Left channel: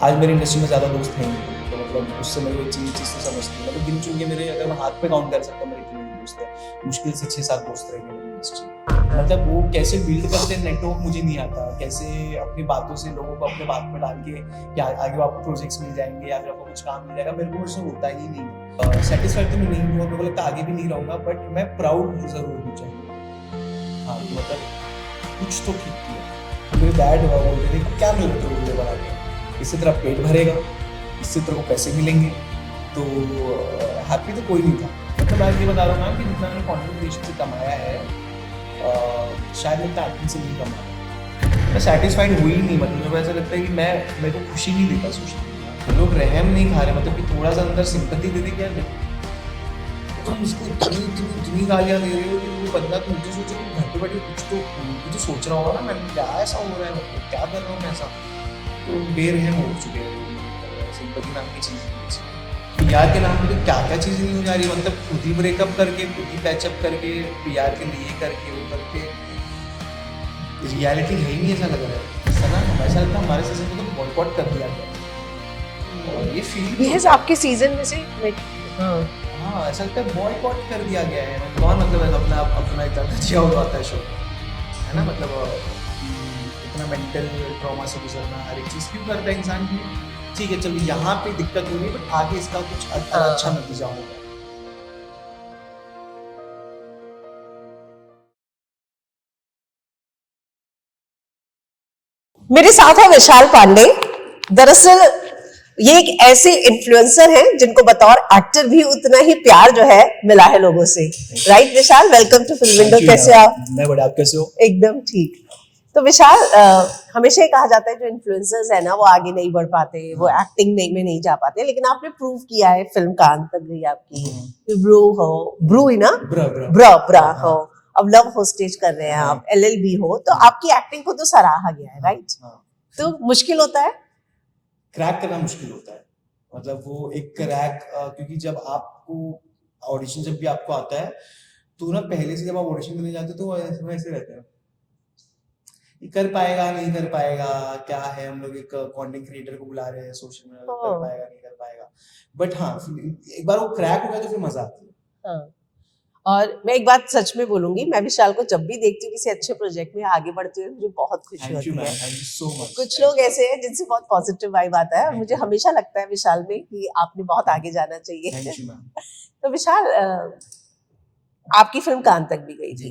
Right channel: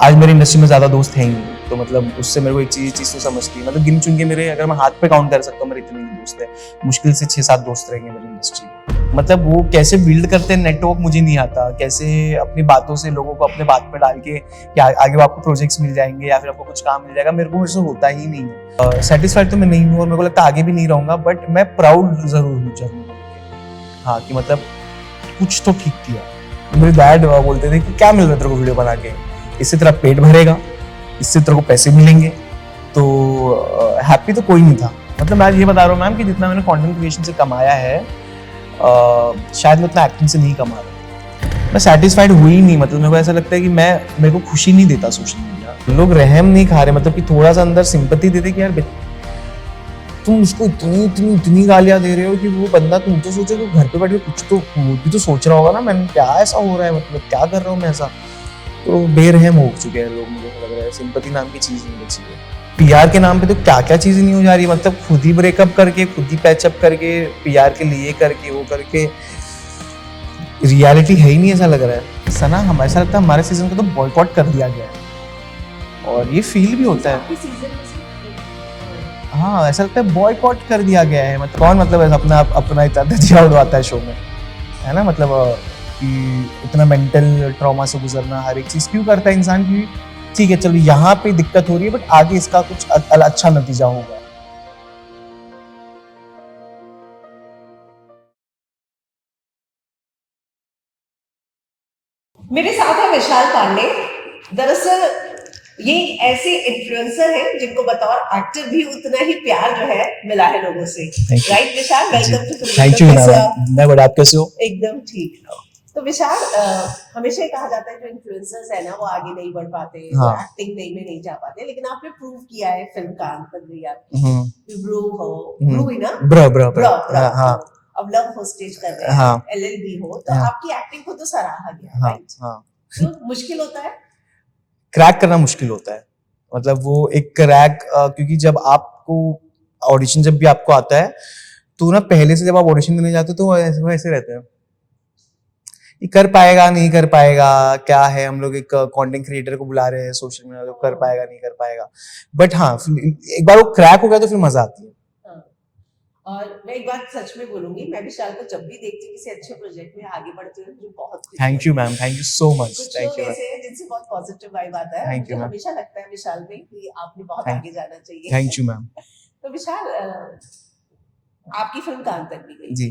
आज मेरी इंडस्ट्री में ज्यादा दोस्त हैं ही नहीं, तो मतलब उससे मेरे को एक चीज तो समझती है, मतलब गिन चुन के मेरे, अगर मैं हाथ पे काउंट कर सकता हूँ मेरे इतने दोस्त हैं, मुश्किल से 6-7 दोस्त रहेंगे मेरी इंडस्ट्री में। मतलब वो कैसे बिल्ड करते हैं नेटवर्क मुझे नहीं आता, कैसे अपनी बातों से लोगों को अपने बात में डाल के कि आगे वो आपको प्रोजेक्ट्स मिल जाएंगे या फिर आपको कुछ काम मिल जाएगा, मेरे को उससे होता ही नहीं है। सेटिस्फाइड तो मैं नहीं हूँ और मेरे को लगता है आगे भी नहीं रहूंगा, बट मैं प्राउड जरूर हूँ जरूर, हाँ, कि मतलब कुछ तो ठीक किया। मेरे डैड बोलते थे कि क्या मिल रहा है तेरे को वीडियो बना के, इससे तेरा पेट भरेगा, इससे तेरे को पैसे मिलेंगे, तो हैप्पी तो कोई नहीं था। मतलब मैं ये बता रहा हूँ मैम कि जितना मैंने कंटेंट क्रिएशन से कमाया है शायद मैं उतना एक्टिंग से नहीं कमा रहा। मैं सेटिस्फाइड हुई नहीं, मतलब मेरे को ऐसा लगता है कि मेरे को खुशी नहीं देता सोशल मीडिया। तो लोग रहम नहीं खा रहे, मतलब कि थोड़ा सा अंदर सिंपैथी देते कि यार तुम उसको इतनी गालियां दे रहे हो कि वो बंदा, तुम तो सोचो कि घर पे बैठ के कुछ तो वो भी तो सोच रहा होगा ना, मैंने क्या ऐसा हो रहा है, मतलब क्या कर रहा हूँ मैं ऐसा। तो बेरहम हो चुके हैं लोग, मुझे लग रहा है सिंपैथी नाम की चीज नहीं बची है। पीआर के नाम पे तो क्या क्या चीजें नहीं हो जा रही, मतलब खुद ही ब्रेकअप करके, खुद ही पैचअप करके, पीआर के लिए करके, वो करके, रियलिटी है ही नहीं ऐसा लग रहा है। सना हमारे साथ हमारे सीजन को तो बॉयकॉट कर दिया गया है और ये फील भी होता है आपके सीजन में से। हाँ, ऐसा लगता है बॉयकॉट कर दिया गया है। मतलब कौन मतलब अपना इतना दजिया उड़वाता है शो में, है ना, मतलब कि इतना मेंटल ट्रॉमा से गुजरना, हर एक चीज क्यों करता है इंसान की। ठीक है चलो यहाँ पे दिक्कत हो रही है, बट आगे इसका कुछ अच्छा नतीजा होगा। मेरे साथ है विशाल पांडे। दरअसल ये एक ऐसे इन्फ्लुएंसर हैं जिनको बतौर एक्टर भी उतना ही प्यार जो है मिला है लोगों से। Right Vishal, welcome to film. कैसे आप? मैं बड़ा, आप कैसे हो? एकदम ठीक। तो विशाल, हमेशा ही कहा जाता है जो इन्फ्लुएंसर्स है ना वो आगे नहीं बढ़ पाते, वो एक्टिंग में नहीं जा पाते, लेकिन आपने प्रूव किया है, फिल्म कान तक गई आपकी, ब्रो हो, ब्रो ही ना, ब्रो हो, अब लव होस्टेज कर रहे हैं आप, एलएलबी हो, तो आपकी एक्टिंग को तो सराहा गया है, राइट? तो मुश्किल होता है क्रैक करना, मुश्किल होता है, मतलब वो एक क्रैक, क्योंकि जब आपको ऑडिशन जब भी आपको आता है तो ना, पहले से जब आप ऑडिशन देने जाते हो तो वो ऐसे रहते हैं, कर पाएगा नहीं कर पाएगा, क्या है, हम लोग एक कंटेंट क्रिएटर को बुला रहे हैं सोशल मीडिया, कर पाएगा नहीं कर पाएगा। बट हाँ, एक बार वो क्रैक हो गया तो फिर मजा आती है। हाँ। और मैं एक बात सच में बोलूंगी, मैं विशाल को जब भी देखती हूँ किसी अच्छे प्रोजेक्ट में आगे बढ़ते हुए, मुझे बहुत खुशी होती है। Thank you ma'am, thank you so much. कुछ लोग ऐसे हैं जिनसे बहुत पॉजिटिव वाइब आता है, मुझे हमेशा लगता है विशाल में कि आपने बहुत आगे जाना चाहिए। Thank you ma'am. तो विशाल, आपकी फिल्म कान तक भी गई थी।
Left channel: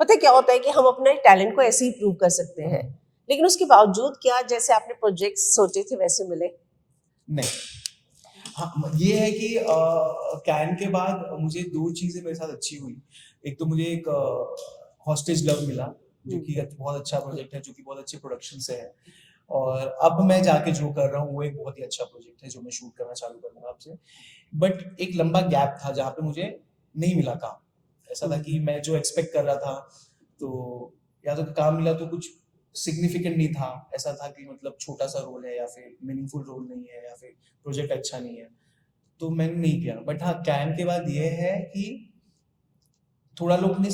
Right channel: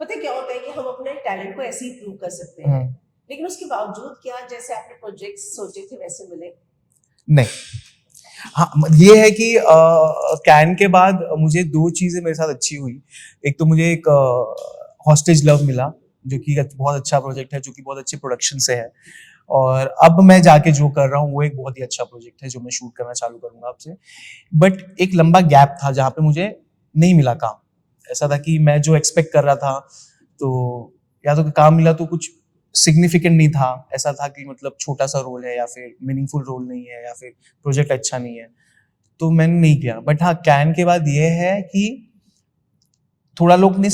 पता है क्या होता है कि हम अपने टैलेंट को ऐसे ही प्रूव कर सकते हैं, लेकिन उसके बावजूद क्या जैसे आपने प्रोजेक्ट सोचे थे वैसे मिले नहीं। हाँ, ये है कि कैन के बाद मुझे 2 चीजें मेरे साथ अच्छी हुई। एक तो मुझे एक हॉस्टेज लव मिला, जो कि बहुत अच्छा प्रोजेक्ट है, जो कि बहुत अच्छे प्रोडक्शन से है, और अब मैं जाके जो कर रहा हूँ वो एक बहुत ही अच्छा प्रोजेक्ट है जो मैं शूट करना चालू करूंगा आपसे। बट एक लंबा गैप था जहाँ पे मुझे नहीं मिला काम। ऐसा था कि मैं जो एक्सपेक्ट कर रहा था, तो या तो काम मिला तो कुछ सिग्निफिकेंट नहीं था, ऐसा था कि मतलब छोटा सा रोल है या फिर मीनिंगफुल रोल नहीं है या फिर प्रोजेक्ट अच्छा नहीं है, तो मैंने नहीं किया। बट हाँ, कैन के बाद ये है कि थोड़ा लोग ने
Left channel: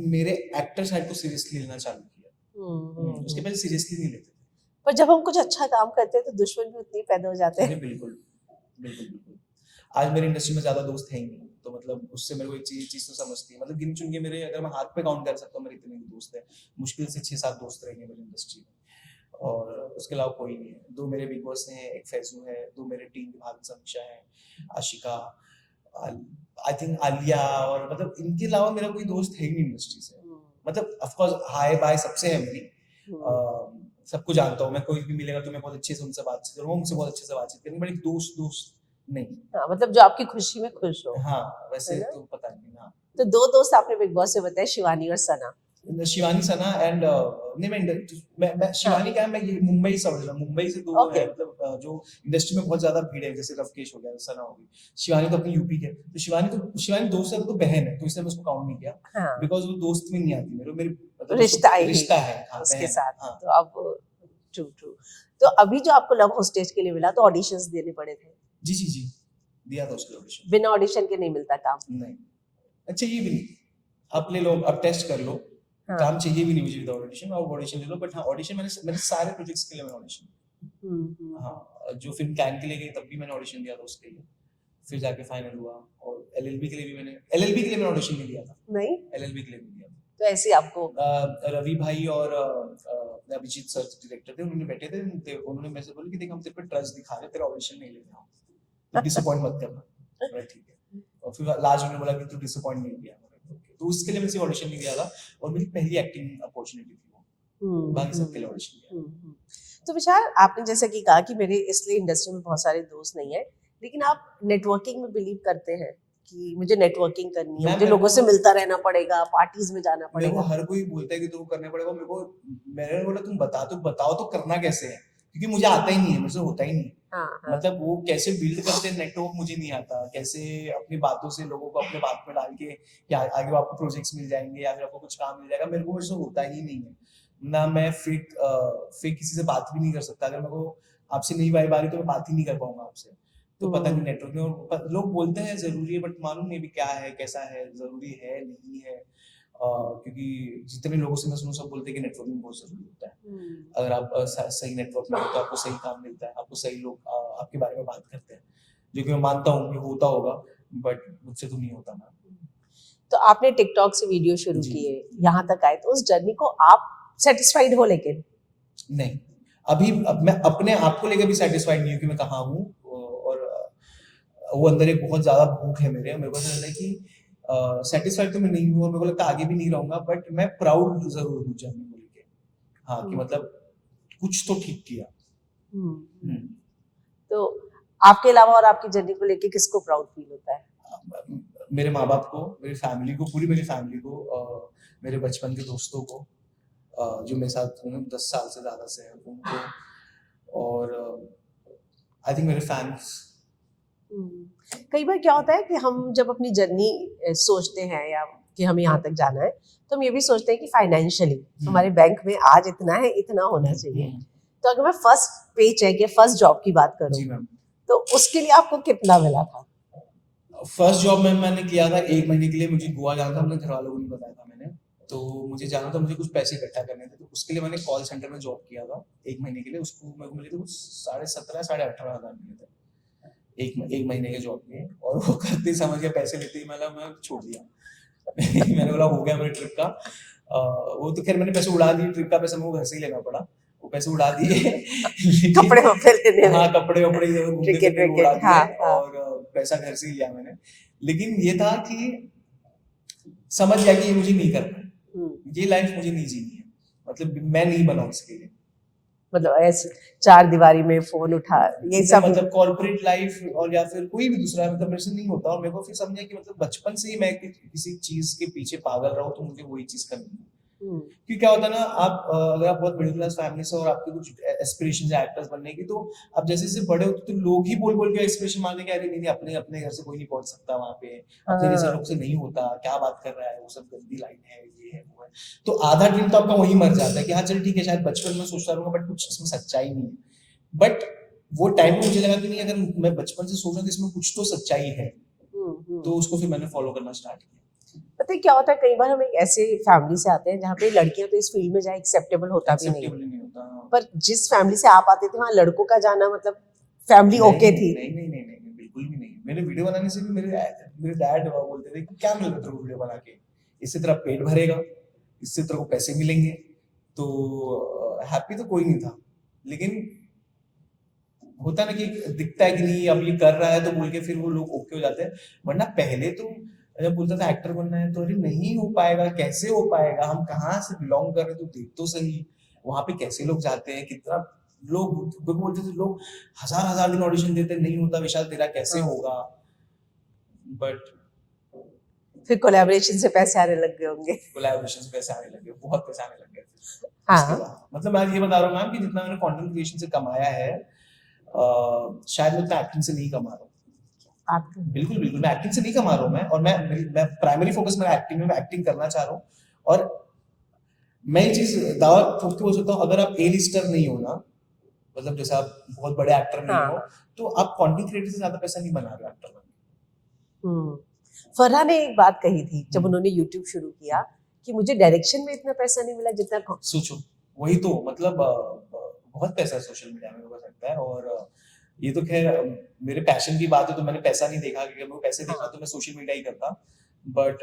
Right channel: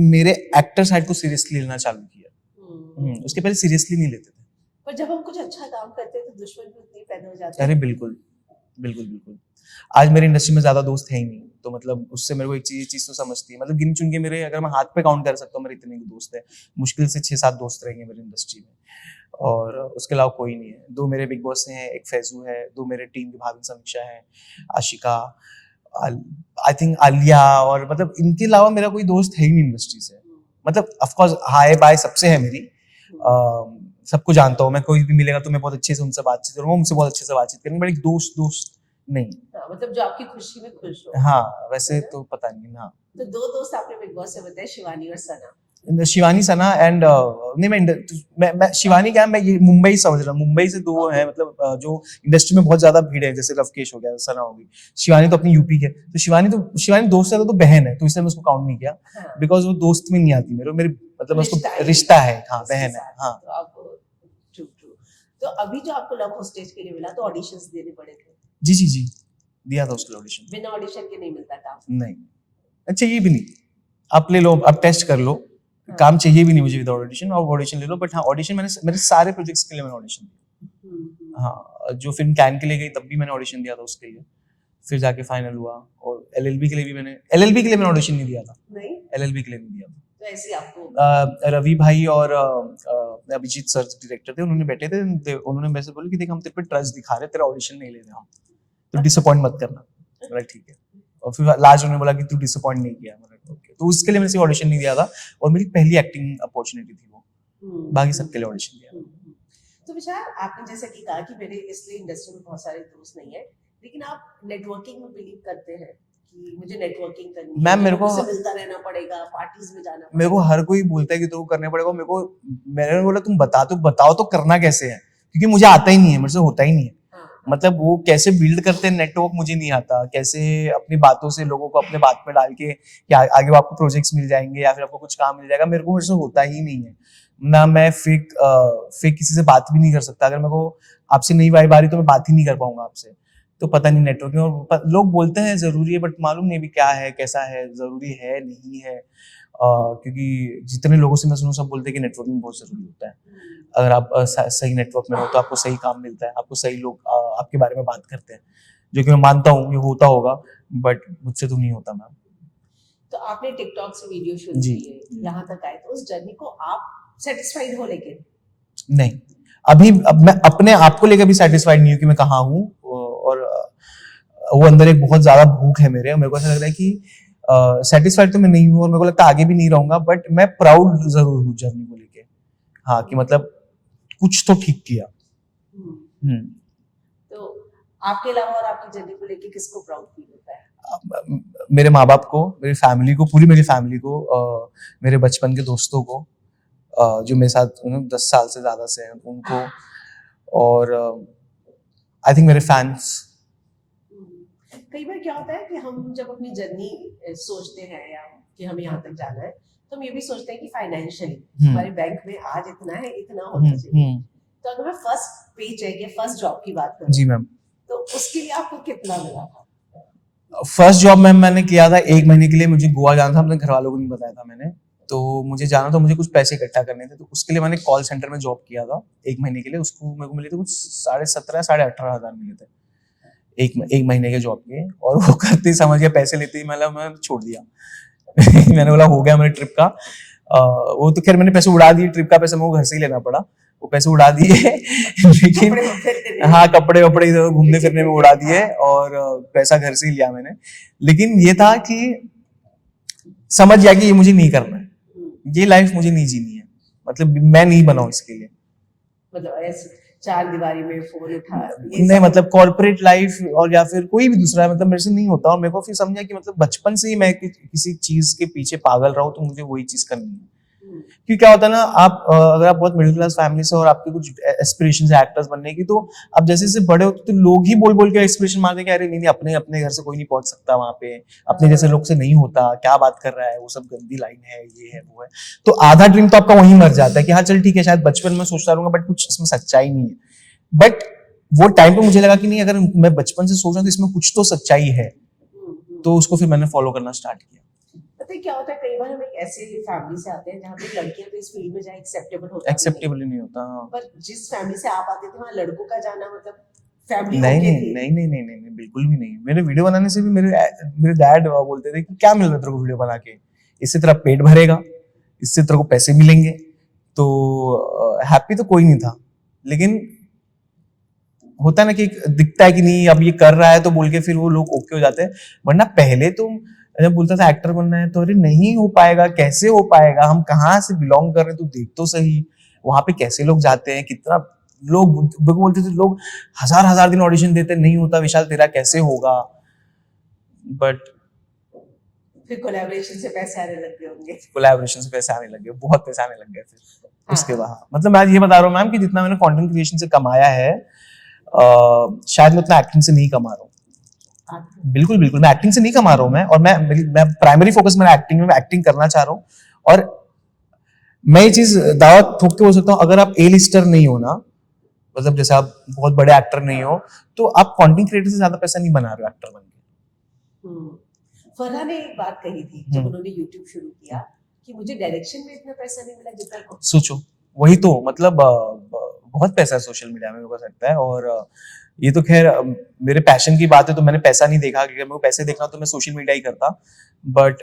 मेरे एक्टर साइड को सीरियसली लेना चालू किया। उसके पहले सीरियसली नहीं लेते थे। पर जब हम कुछ अच्छा काम करते हैं तो दुश्मन भी उतने पैदा हो जाते हैं। अरे बिल्कुल बिल्कुल बिल्कुल। आज मेरी इंडस्ट्री में ज्यादा दोस्त हैं ही नहीं, तो मतलब उससे मेरे को एक चीज तो समझती है, मतलब गिन चुन के मेरे, अगर मैं हाथ पे काउंट कर सकता हूँ मेरे इतने दोस्त हैं, मुश्किल से 6-7 दोस्त रहेंगे मेरी इंडस्ट्री में, और उसके अलावा कोई नहीं है। 2 मेरे बिग बॉस हैं, एक फैजू है, 2 मेरे टीम की भाभी समीक्षा है, आशिका, आई थिंक आलिया, और मतलब इनके अलावा मेरा कोई दोस्त है ही नहीं इंडस्ट्री से। मतलब ऑफ कोर्स हाय बाय सबसे है मेरी, सबको जानता हूँ मैं, कोई भी मिलेगा तो मैं बहुत अच्छे से उनसे बातचीत करूंगा, उनसे बहुत अच्छे से बातचीत करूंगा, बट एक दोस्त नहीं। हाँ, मतलब जो आपकी खुशी में खुश हो। हाँ, वैसे तो पता नहीं। हाँ, तो 2 दोस्त आपने बिग बॉस से बताए, शिवानी और सना। शिवानी, सना एंड नहीं, मैं शिवानी क्या, मैं ये मुंबई समझ रहा हूँ, मुंबई से 2 हैं, मतलब जो इंडस्ट्री में बहुत ज्यादा भीड़ है, जैसे लवकेश हो गया, सना होगी। शिवानी तो अपनी यूपी के, तो शिवानी दोस्त है तो बहन है, तो इसलिए मैं उसको काउंट नहीं किया, बिकॉज वो दोस्त में नहीं आती मेरे मतलब रिश्ता है। हाँ, बहन है। हाँ, तो आपको ट्रू। तो अभी जो आपको लव होस्टेज के लिए मिला, तो ऑडिशंस देने पड़े थे? जी दिया था उसके ऑडिशन। बिना ऑडिशन के नहीं मिलता काम? नहीं, अच्छा ये भी नहीं, आप ले लो, आप टेस्ट कर लो, काम चाहिए भी नहीं मुझे विदाउट ऑडिशन, और ऑडिशन ले लो। बट हाँ, ऑडिशन मेरे सारे प्रोजेक्ट्स के लिए मैंने ऑडिशन दिया। हाँ, जो फिल्म कैन के लिए गई तब भी मैंने ऑडिशन दिया था उसके लिए, फिर जाके फाइनल हुआ। और एलएलबी के लिए भी मैंने ऑडिशन नहीं दिया था। नहीं, एलएलबी के लिए नहीं दिया था। तो ऐसे आपको रवि भाई और अभिजीत सर डायरेक्टर थे, उन्होंने बैठे थे, उन्होंने मेरे से बोला कि देख हम तेरे पे ट्रस्ट दिखा रहे, तेरा ऑडिशन नहीं ले रहे हम, तो डिसअपॉइंट मत करना। बोला ठीक है। और फिर लास्ट उन्होंने बोला कि तू डिसअपॉइंट नहीं किया। ओके, तो उसके लिए मैंने ऑडिशन नहीं दिया था, और मेरी पहली एक्टिंग अपॉर्चुनिटी थी वो। बाकी सबके लिए ऑडिशन दिया। तो विशाल, आपने जैसा कि कहा कि मेरे इसलिए इंडस्ट्री में बहुत सारे दोस्त नहीं है, लेकिन आप नेटवर्किंग में बिलीव करते हैं कि मुझे नेटवर्किंग करनी है, मुझे लोगों से मिलता रहना पड़ेगा, पार्टीज में जाना पड़ेगा। मेरे को हर कोई बोलता है कि तो करने पड़ेगा, मैंने बोला तुम बताओ तो करना कैसे है, क्योंकि मुझे आता ही नहीं है, मुझे से होता ही नहीं है। हाँ। मतलब वो कैसे बिल्ड करते हैं नेटवर्क मुझे नहीं आता, कैसे अपनी बातों से लोगों को अपने बात में डाल के कि आगे आपको प्रोजेक्ट्स मिल जाएंगे या फिर आपको कुछ काम मिल जाएगा, मेरे से होता ही नहीं है ना। मैं फेक किसी से बात भी नहीं कर सकता। अगर मेरे को आपसे नई वाइब आ रही तो मैं बात ही नहीं कर पाऊंगा आपसे। तो पता नहीं नेटवर्किंग, और लोग बोलते हैं जरूरी है, बट मालूम नहीं भी क्या है, कैसा है, जरूरी है नहीं है। क्योंकि जितने लोगों से मैं सुनूं सब बोलते हैं कि नेटवर्किंग बहुत जरूरी होता है। अगर आप सही नेटवर्क में हो तो आपको सही काम मिलता है, आपको सही लोग आपके बारे में बात करते हैं, जो कि मैं मानता हूँ ये होता होगा, बट मुझसे तो नहीं होता मैम। तो आपने टिकटॉक से वीडियो शुरू किए, यहाँ तक आए, तो उस जर्नी को आप सेटिस्फाइड हो? लेकिन नहीं, अब मैं अपने आप को लेकर भी सेटिस्फाइड नहीं हूँ कि मैं कहाँ हूँ, और वो अंदर एक बहुत ज्यादा भूख है मेरे को ऐसा लग रहा है कि सेटिस्फाइड तो मैं नहीं हूँ, और मेरे को लगता है आगे भी नहीं रहूंगा, बट मैं प्राउड जरूर हूँ जर्नी को लेके। हाँ, कि मतलब कुछ तो ठीक किया। तो आपके अलावा और आपकी जर्नी को लेके किसको प्राउड फील होता है? मेरे माँ बाप को, मेरी फैमिली को, पूरी मेरी फैमिली को, मेरे बचपन के दोस्तों को, जो मेरे साथ 10 साल से ज्यादा से हैं उनको, और आई थिंक मेरे फैंस। कई बार क्या होता है कि हम जब अपनी जर्नी सोचते हैं या कि हमें यहाँ तक जाना है, तो हम ये भी सोचते हैं कि फाइनेंशियली हमारे बैंक में आज इतना है, इतना होना चाहिए। तो अगर मैं फर्स्ट पे चेक या फर्स्ट जॉब की बात करूं, जी मैम, तो उसके लिए आपको कितना मिला था? फर्स्ट जॉब मैम मैंने किया था 1 महीने के लिए, मुझे गोवा जाना था, अपने घर वालों को नहीं बताया था मैंने, तो मुझे जाना था, मुझे कुछ पैसे इकट्ठा करने थे, तो उसके लिए मैंने कॉल सेंटर में जॉब किया था 1 महीने के लिए। उसको मेरे को मिले थे कुछ 17,500 18,500 मिले थे एक महीने के जॉब के, और वो करते ही समझ गया पैसे लेते ही मतलब मैं छोड़ दिया। मैंने बोला हो गया मेरे ट्रिप का। वो तो खैर मैंने पैसे उड़ा दिए, ट्रिप का पैसा मेरे को घर से ही लेना पड़ा, वो पैसे उड़ा दिए। लेकिन हाँ, कपड़े वपड़े घूमने फिरने में उड़ा दिए, और पैसा घर से ही लिया मैंने। लेकिन ये था कि समझ गया कि ये मुझे नहीं करना है, ये लाइफ मुझे नहीं जीनी है, मतलब मैं नहीं बना इसके लिए। मतलब ऐसे 4 दीवारी में फोन उठा ये नहीं, मतलब कॉर्पोरेट लाइफ और या फिर कोई भी दूसरा, मतलब मेरे से नहीं होता। और मेरे को फिर समझा कि मतलब बचपन से ही मैं किसी चीज के पीछे पागल रहा हूं, तो मुझे वही चीज करनी है। क्योंकि क्या होता है ना, आप अगर आप बहुत मिडिल क्लास फैमिली से और आपके कुछ एस्पिरेशंस है एक्टर्स बनने की, तो आप जैसे जैसे बड़े होते तो लोग ही बोल के एस्पिरेशन मारते कि अरे नहीं अपने घर से कोई नहीं पहुंच सकता वहां पे, अपने जैसे लोग से नहीं होता, क्या बात कर रहा है, वो सब गंदी लाइन है, ये है वो है। तो आधा ड्रीम तो आपका वहीं मर जाता है कि हाँ चल ठीक है, शायद बचपन में सोचता रहूंगा बट कुछ इसमें सच्चाई नहीं है। बट वो टाइम पे मुझे लगा कि नहीं, अगर मैं बचपन से सोच रहा हूं तो इसमें कुछ तो सच्चाई है, तो उसको फिर मैंने फॉलो करना स्टार्ट किया। पता है क्या होता है, कई बार हम एक ऐसे फैमिली से आते हैं जहाँ पे लड़कियां तो इस फील्ड में जाए एक्सेप्टेबल होता नहीं होता। हाँ। पर जिस फैमिली से आप आते थे वहाँ लड़कों का जाना मतलब फैमिली ओके थी? नहीं, बिल्कुल भी नहीं। मेरे वीडियो बनाने से भी मेरे डैड बोलते थे कि क्या मिल रहा है तेरे को वीडियो बना के, इससे तेरा पेट भरेगा, इससे तेरे को पैसे मिलेंगे, तो हैप्पी तो कोई नहीं था। लेकिन होता है ना कि दिखता है कि नहीं अब ये कर रहा है तो बोल के फिर वो लोग ओके हो जाते हैं। वरना पहले तो जब बोलता था एक्टर बनना है तो अरे नहीं हो पाएगा, कैसे हो पाएगा, हम कहाँ से बिलोंग कर रहे हैं, तो देख तो सही वहां पे कैसे लोग जाते हैं, कितना लोग बोलते थे, लोग हजार दिन ऑडिशन देते, नहीं होता विशाल तेरा कैसे होगा। बट फिर कोलैबोरेशन से पैसे आने लग गए होंगे। कोलैबोरेशन से पैसे आने लगे, बहुत पैसे आने लग गए फिर उसके बाद। मतलब मैं ये बता रहा हूँ मैम कि जितना मैंने कंटेंट क्रिएशन से कमाया है शायद मैं उतना एक्टिंग से नहीं कमा रहा हूँ। बिल्कुल मैं एक्टिंग से नहीं कमा रहा हूँ मैं, और मैं प्राइमरी फोकस मेरा एक्टिंग में, मैं एक्टिंग करना चाह रहा हूँ। और मैं ये चीज दावा ठोक के बोल सकता हूँ, अगर आप ए लिस्टर नहीं हो ना, मतलब जैसे आप बहुत बड़े एक्टर नहीं हो, तो आप कंटेंट क्रिएटर से ज्यादा पैसा नहीं बना रहे हो एक्टर बन के। फरहा ने एक बात कही थी जब उन्होंने यूट्यूब शुरू किया कि मुझे डायरेक्शन में इतना पैसा नहीं मिला जितना। सोचो, वही तो मतलब बहुत पैसा है सोशल मीडिया में, मेरे को लगता है। और ये तो खैर मेरे पैशन की बात है, तो मैंने पैसा नहीं देखा, अगर मेरे को पैसे देखना तो मैं सोशल मीडिया ही करता, बट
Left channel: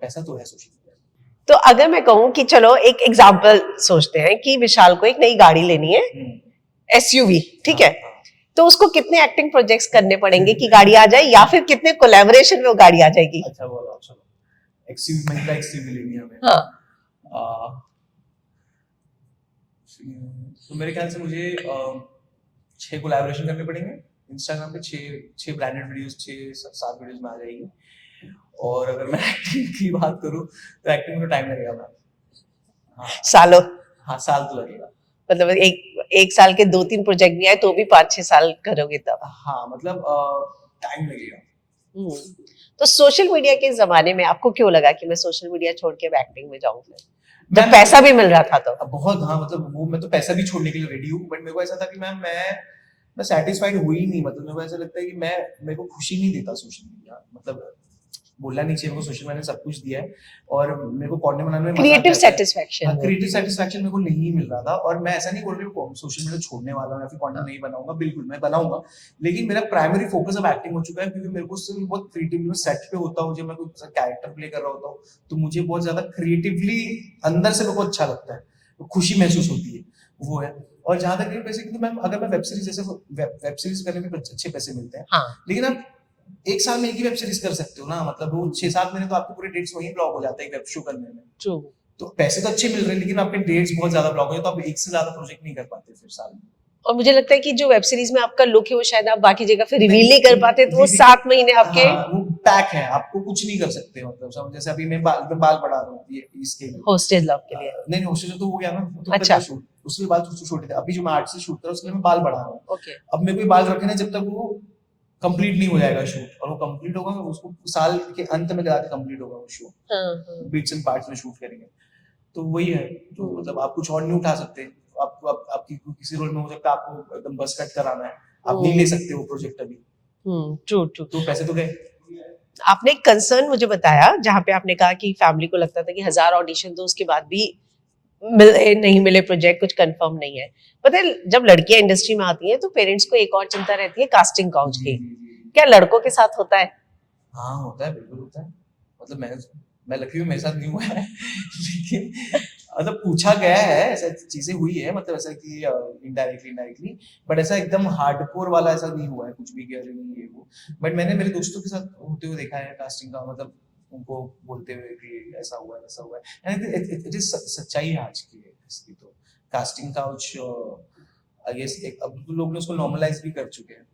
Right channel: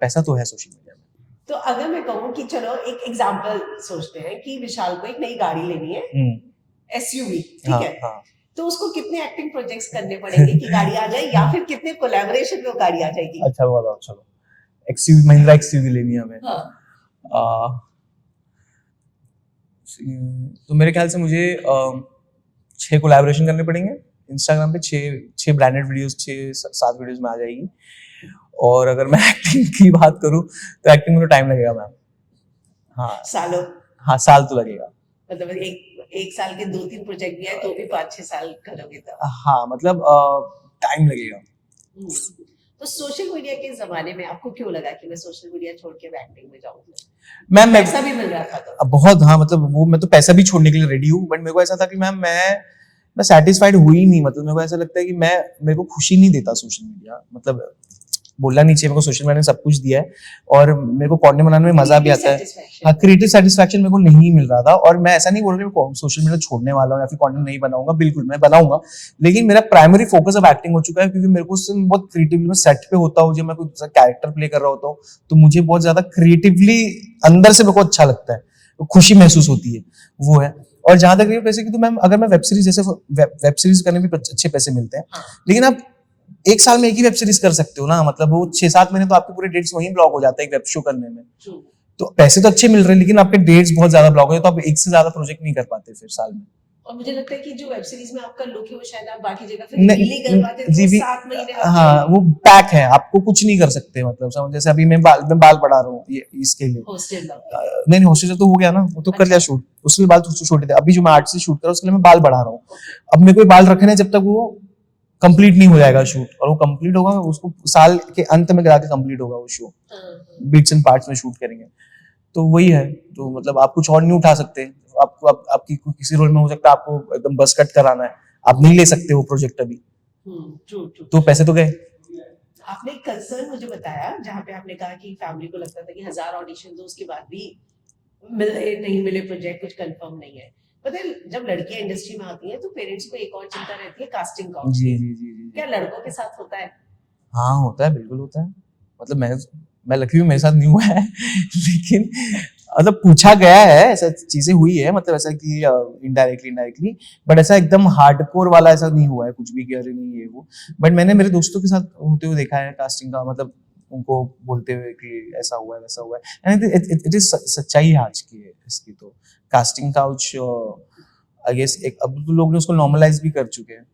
पैसा तो है सोशल मीडिया में। तो अगर मैं कहूँ कि चलो एक एग्जांपल सोचते हैं कि विशाल को एक नई गाड़ी लेनी है, एसयूवी, ठीक है, तो उसको कितने एक्टिंग प्रोजेक्ट्स करने पड़ेंगे कि गाड़ी आ जाए, या फिर कितने कोलैबोरेशन में वो गाड़ी आ जाएगी? अच्छा बोला, चलो एक्सयूवी, महिंद्रा एक्सयूवी लेनी है हमें। हाँ। तो मेरे ख्याल से मुझे 6 कोलैबोरेशन करने पड़ेंगे इंस्टाग्राम पे, 6 ब्रांडेड वीडियोस, 6-7 वीडियोस में आ जाएगी। और अगर मैं एक्टिंग की बात करूं तो एक्टिंग में तो टाइम लगेगा मैम। हाँ, सालों? हाँ, साल तो लगेगा। मतलब एक साल के 2-3 प्रोजेक्ट भी आए तो भी 5-6 साल करोगे तब? हाँ, मतलब टाइम लगेगा। तो सोशल मीडिया के जमाने में आपको क्यों लगा कि मैं सोशल मीडिया छोड़ के एक्टिंग में जाऊं? मैम पैसा भी मिल रहा था तो बहुत, हाँ, मतलब वो मैं तो पैसा भी छोड़ने के लिए रेडी हूँ, बट मेरे को ऐसा था कि मैम मैं सेटिस्फाइड हुई नहीं। मतलब मेरे को ऐसा लगता है कि मेरे को खुशी नहीं देता सोशल मीडिया, मतलब बोलना नहीं चाहिए, मेरे को सोशल मीडिया ने सब कुछ दिया है और मेरे को कंटेंट बनाने में मजा भी आता है। क्रिएटिव सेटिस्फैक्शन मेरे को नहीं मिल रहा था। और मैं ऐसा नहीं बोल रहा हूँ सोशल मीडिया छोड़ने वाला हूँ या फिर कंटेंट नहीं बनाऊंगा, बिल्कुल मैं बनाऊंगा, लेकिन मेरा प्राइमरी फोकस अब एक्टिंग हो चुका है, क्योंकि मेरे को उससे बहुत क्रिएटिवली, मैं सेट पे होता हूँ, जब मैं कोई कैरेक्टर प्ले कर रहा होता हूँ तो मुझे बहुत ज्यादा क्रिएटिवली अंदर से मेरे को अच्छा लगता है, खुशी महसूस होती है, वो है। और जहां तक ये पैसे की, तो मैम अगर मैं वेब सीरीज, जैसे वेब सीरीज करने में अच्छे पैसे मिलते हैं, हाँ। लेकिन आप एक साल में एक ही वेब सीरीज कर सकते हो ना, मतलब वो 6-7 महीने तो आपके पूरे डेट्स वहीं ब्लॉक हो जाते हैं एक वेब शो करने में। True. तो पैसे तो अच्छे मिल रहे हैं, लेकिन आपके डेट्स बहुत ज्यादा ब्लॉक हो जाते हैं, तो आप एक से ज्यादा प्रोजेक्ट नहीं कर पाते फिर साल में। और मुझे लगता है कि जो वेब सीरीज में आपका लुक है वो शायद आप बाकी जगह फिर रिवील नहीं कर पाते, तो वो 7 महीने आपके, हाँ, वो पैक है, आपको कुछ नहीं कर सकते। मतलब जैसे अभी मैं बाल बढ़ा रहा हूँ ये इसके लिए, हॉस्टेज लव के लिए। नहीं हॉस्टेज तो हो गया ना, वो तो कर लिया शूट, उसके लिए बाल छोटे थे। अभी जो मैं आर्ट से शूट कर रहा हूँ उसके लिए मैं बाल बढ़ा रहा हूँ। अब मेरे को बाल रखने जब तक वो कंप्लीट नहीं हो जाएगा शूट, और वो कंप्लीट होगा उसको साल के अंत में जाके कंप्लीट होगा वो शो, बिट्स एंड पार्ट्स में शूट करेंगे। तो वही है, तो मतलब आप कुछ और नहीं उठा सकते, आपको आपकी किसी रोल में हो सकता है आपको एकदम बस कट कराना है, आप नहीं ले सकते वो प्रोजेक्ट अभी। ट्रू। तो पैसे तो गए। आपने एक कंसर्न मुझे बताया जहाँ पे आपने कहा कि फैमिली को लगता था कि 1000 ऑडिशन दो, उसके बाद भी नहीं मिले प्रोजेक्ट, कुछ कंफर्म नहीं है। पता है, जब लड़कियां इंडस्ट्री में आती हैं तो पेरेंट्स को एक और चिंता रहती है कास्टिंग काउच की। क्या लड़कों के साथ होता है? हाँ होता है, बिल्कुल होता है। मतलब मैं लकी हूँ, मेरे साथ नहीं हुआ है लेकिन मतलब पूछा गया है, ऐसा चीजें हुई है, मतलब ऐसा कि इनडायरेक्टली, बट ऐसा एकदम हार्डकोर वाला ऐसा नहीं हुआ है कुछ भी कि अरे नहीं ये वो। बट मैंने मेरे दोस्तों के साथ होते हुए देखा है कास्टिंग का, मतलब उनको बोलते हुए कि ऐसा हुआ है वैसा हुआ है, एंड इट इज सच्चाई है आज की इसकी। तो कास्टिंग काउच आई गेस एक अब तो लोग ने उसको नॉर्मलाइज भी कर चुके हैं,